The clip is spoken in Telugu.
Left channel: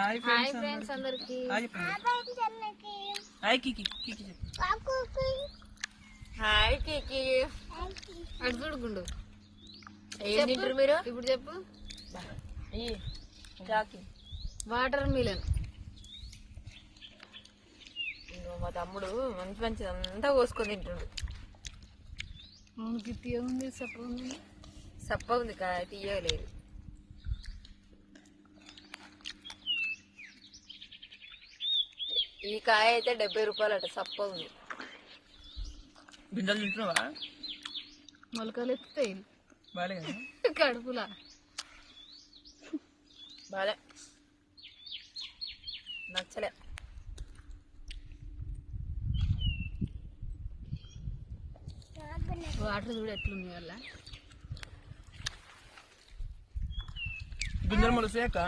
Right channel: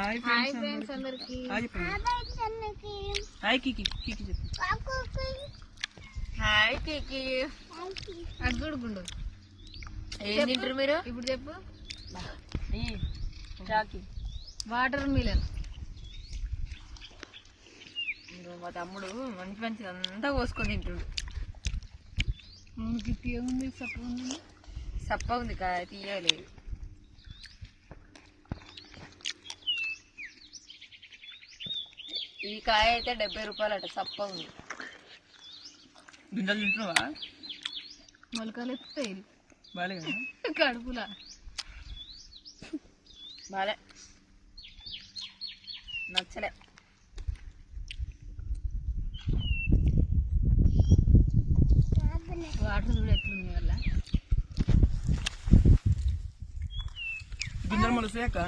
హాయ్ ఫ్రెండ్స్ అందరికి హాయ్ కికి కికి చెప్పు హాయ్ కికి అటు చూడుకుండు ఏం తింటారు మీరు ఇప్పుడు చెప్పు చాకి వాటర్ మిలన్ మా తమ్ముడు మంచి మంచి అంతా కోసుకొని తింటుండు ఏముంది సప్ప ఉంది సప్ప ఉంది తీయలేదు ఈ కాయ అయితే 70 రూపాయలు అట సప్ప ఉంది గింజలు తింటున్నావా మొలకలు ఎత్తుతాయి బాలే కడుపులా బాలే నచ్చలే వాటర్ చూడు ఎట్లుంది వల్ల గింజలు మొలసాక